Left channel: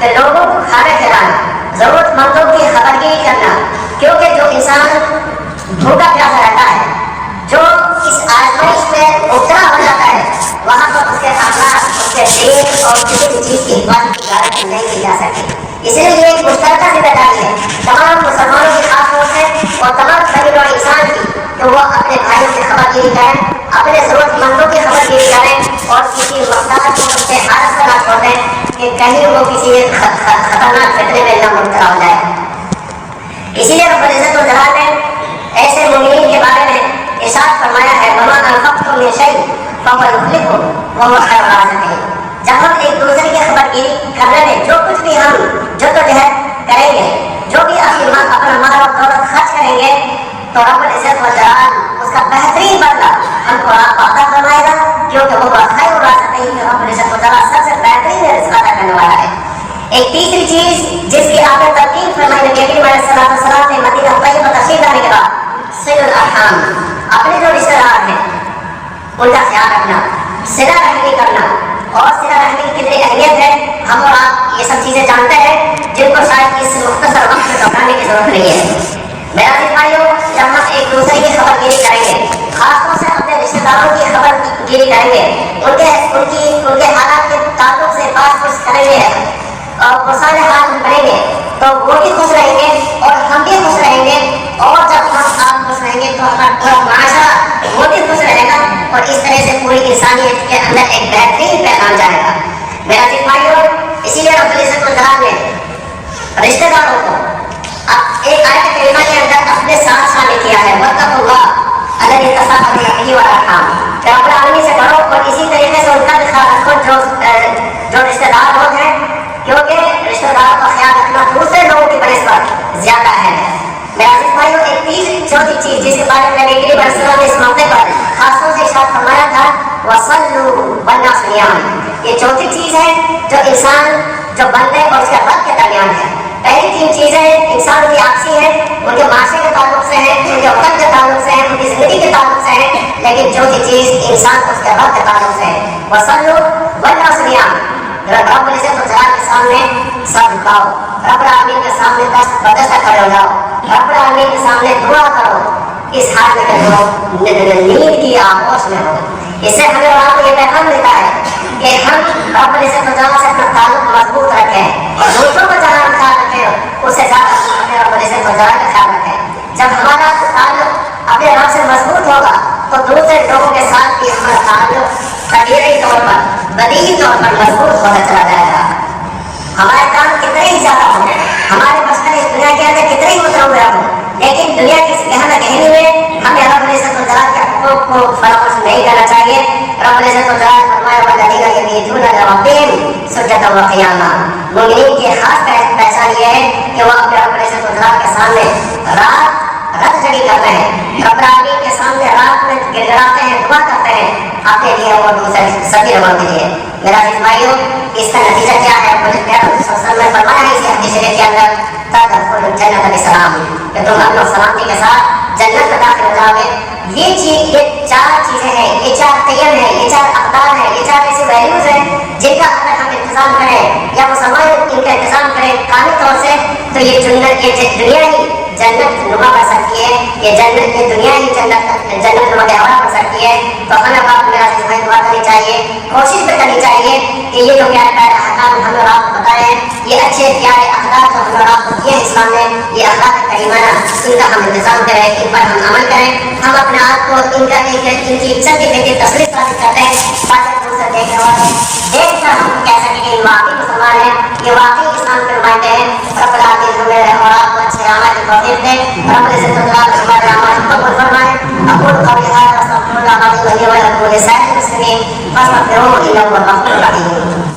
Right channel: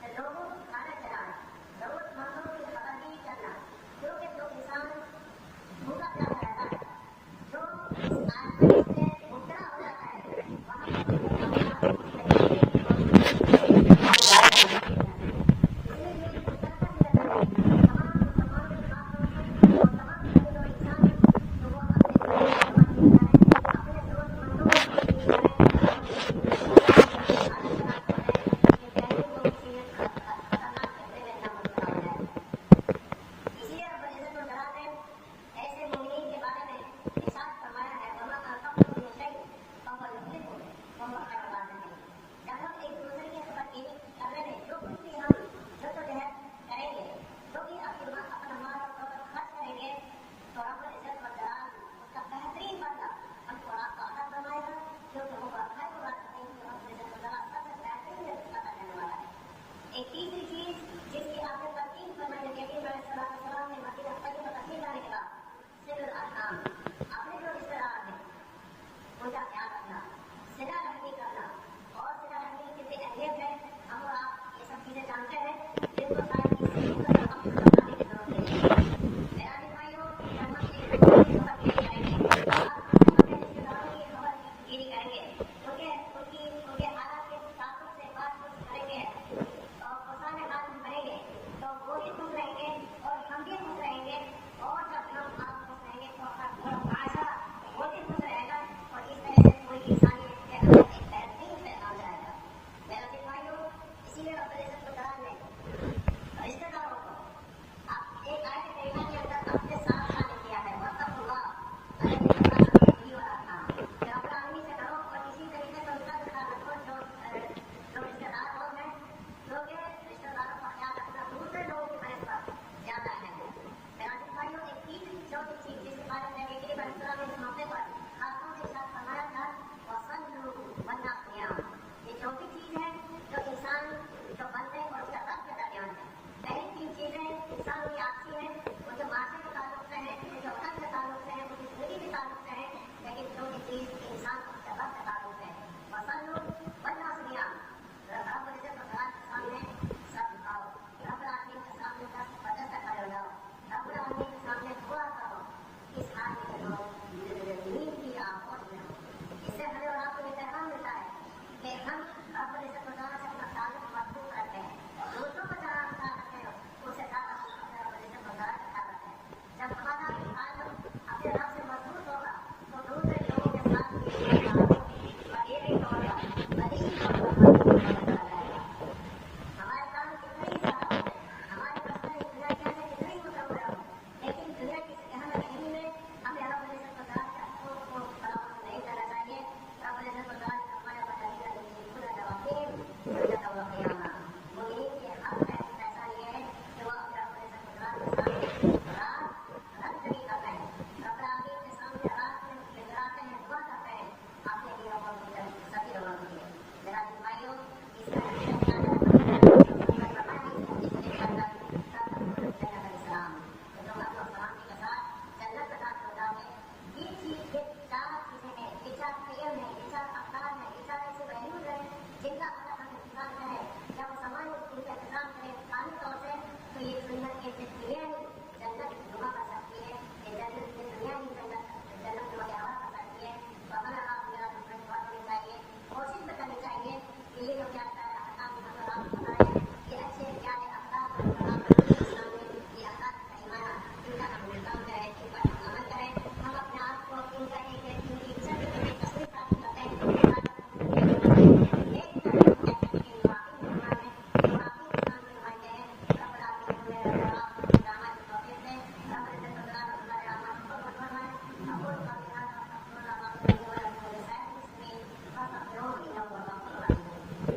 کہ لوگوں کو کھانا کھلانا، ضرورت مندوں کی خبرگیری کرنا، کیونکہ جو انسان بھوکا پیاسا رہتا ہے، جو اس آزمائش میں مبتلا ہو جاتا ہے، وہاں پر اس کے اخلاق، اس کے دین اور کسی چیز کی عبادت کی گارنٹی نہیں کی جا سکتی۔ اس لیے یہ ایک مشترکہ ذمہ داری ہے تمام مسلمانوں کی، خاص طور سے اور تمام قبیلوں اور انسان کی، کہ وہ اپنے بھائیوں کی خبرگیری کریں، اپنے ضرورت مندوں کی خبرگیری کریں اور کسی محتاج کو اس سے حالت نہ چھوڑ دیں کہ کہیں وہ کسی خطرناک فتنے میں نہ مبتلا ہو جائے۔ اسی لیے رب العزت والجلال نے ایسے مومنین کے بارے میں ارشاد فرمایا ہے وَمَا أَنفَقْتُم مِّن شَيْءٍ فَهُوَ يُخْلِفُهُ وَهُوَ خَيْرُ الرَّازِقِينَ۔ جب ہم ایک دوسرے کی خبرگیری کرنے میں جو کچھ بھی ہم جدوجہد کریں گے، جو بھی اپنا مال اور دولت خرچ کریں گے، تو رب العزت والجلال اس کا بہترین بدلہ ہم کو عطا فرمائے گا، کیونکہ وہ خیر الرازقین، رب العزت والجلال سب سے بہترین رزق عطا کرنے والا ہے۔ ایک تیسری چیز جس کی آپ نے تلقین فرمائی نبی کریم علیہ السلام نے مدینہ طیبہ تشریف لانے کے بعد، صلہ الارحام، اپنے جو رشتہ دار ہیں ان کا خیال رکھنا، صلہ رحمی کرنا، اور صلہ رحمی کی کتنی اہمیت ہے ہم اور آپ یہ سب چیزیں جانتے ہیں، جن کو شاید اس مختصر وقت میں دہرانے کی ضرورت نہیں ہے۔ میرا عزیز بھائیو، جب ہم ایک دوسرے کی خبرگیری کریں گے، خاص طور سے اپنے رشتہ داروں کی خبرگیری کریں گے، ان کے حالات کے تعلق سے بات پوچھ کریں گے اور مسائل حال بنیں گے، تو وہ بھی خوش رہیں گے اور ہم بھی خوش رہیں گے، اور جب ہم آپ خوش رہیں گے تو ہمارا پورا معاشرہ وہ بھی خوش رہے گا، اور اس طرح سے پوری انسانیت کے اندر ایک بہترین پیغام جائے گا۔ میرا عزیز بھائیو، اسی لیے رب العزت والجلال نے رشتہ داروں کو ایک آیت کریمہ کے اندر اپنے ساتھ شامل کیا ہے وَاتَّقُوا اللَّهَ الَّذِي تَسَاءَلُونَ بِهِ وَالْأَرْحَامَ، کہ رب العالمین سے ڈرو اور اسی طریقے سے ان کا بھی خیال رکھو جو رشتہ دار لوگ ہیں، کیونکہ رشتہ دار کا خیال رکھنا دوسرے لوگوں کی بنسبت زیادہ ہے۔ میرا عزیز بھائیو، ایک تیسری چوتھی چیز جس کے بارے میں نبی کریم علیہ السلام نے اس موقع پر خاص طور سے ارشاد فرمایا تھا وَصَلُّوا وَالنَّاسُ نِيَامٌ، یہ چوتھی چیز ہے جو انسان، جو بندے اور اس کے رب کے درمیان ہے۔ پہلی تین چیزیں انسان کی آپسی ہیں، ان کے معاشرے کے تعلق سے ہیں، ان کے وطن کے تعلق سے ہیں، ان کی زندگی کے تعلق سے ہیں، لیکن چوتھی چیز انسان کو اس کے رب کے تعلق سے ہے۔ وَصَلُّوا وَالنَّاسُ نِيَامٌ، رب العزت والجلال کے سامنے سر جھکاؤ، رب العالمین کے سامنے دست بدست کھڑے ہو جاؤ، رب العالمین کے سامنے دعا کرو، اس حال میں کہ جو نیند کی آغوش میں ہو۔ اس سے ہمیں اور آپ کو یہ پیغام ملتا ہے کہ ہم رب العزت والجلال سے اپنا تعلق مضبوط رکھیں اور دوسروں کو جہاں ہم خیال رکھیں اس سے زیادہ ہمیں رب العزت والجلال کا خیال رکھیں۔ جب ہمارا تعلق اپنے رب سے مضبوط ہوگا تو دوسرے لوگوں کے ساتھ بھی ہمارا تعلق طبیعی طور پر، بدیہی طور پر مضبوط ہوتا چلا جائے گا۔ ہمارے کام کتنے ہی زیادہ ہوں، ہمارے مسئلے اس دنیا کے اندر کتنے ہی متنوع ہوں، لیکن دنیا کی گہنا گہری میں ہمیں رب العزت والجلال کے حقوق کو فراموش نہیں کرنا چاہیے۔ رب العزت والجلال فرمایا وَالَّذِينَ يَبِيتُونَ لِرَبِّهِمْ سُجَّدًا وَقِيَامًا، مومنین کی خاص پہچان یہ ہے کہ وہ اپنے رب العزت والجلال کے سامنے رات جگی کرتے ہیں، رب العالمین کے سامنے رات میں گڑگڑاتے ہیں، دعا کرتے ہیں اپنے لیے اور دوسرے سبھی لوگوں کے لیے۔ میرا عزیز بھائیو، اس کا نتیجہ کیا ہے؟ مجھے پیغمبر صلی اللہ علیہ وسلم نے فرمایا ہے اسی حدیث شریف کے اندر تدخلوا الجنة بسلام، کہ تم اپنے سلامتی کے ساتھ جنت میں داخل ہو جاؤ گے۔ یہ چار چیزیں ہیں، یہ چار قیم ہیں، یہ چار اقدار ہیں، یہ چار ایسی ویلیوز ہیں جن کا اگر ہم انتظام کریں یا مسلمان ان کا انتظام کریں کامل طور سے، تو یہ دنیا ہی جنت نما بن سکتی ہے، یہ دنیا ہی جنت نما گہوارہ بن سکتی ہے۔ تو ہمیں بات میرا عزیز بھائی دعا کرنی چاہیے، کوشش بھی کرنی چاہیے کہ یہ جو پیارے پیارے احکام ہمیں اور آپ کو بتائے ہیں، یہ اچھے پیارے اخلاق جو ہمیں اور آپ کو دیے ہیں اسلام نے، یہ اخلاق کریمانہ، ان کا ہم انتظام کریں، ان پر ہم عمل کریں۔ ہم اپنے آپ کو ان کی عزت کی تصویر حاصل کرتے ہیں تاکہ دوسرے دیکھ کر ہم کہہ سکیں کہ یہ واقعی مسلمان ہیں، یہ واقعی اسلام کے نمائندے ہیں۔ رب العالمین ہمیں اور آپ کو اچھے اعمال کی توفیق دے، رب العزت والجلال ہمارے اعمال کو قبول فرمائے۔ اقول قولی ھذا واستغفر الله العظيم لي ولكم ولسائر المسلمين فاستغفروه انه هو الغفور الرحيم۔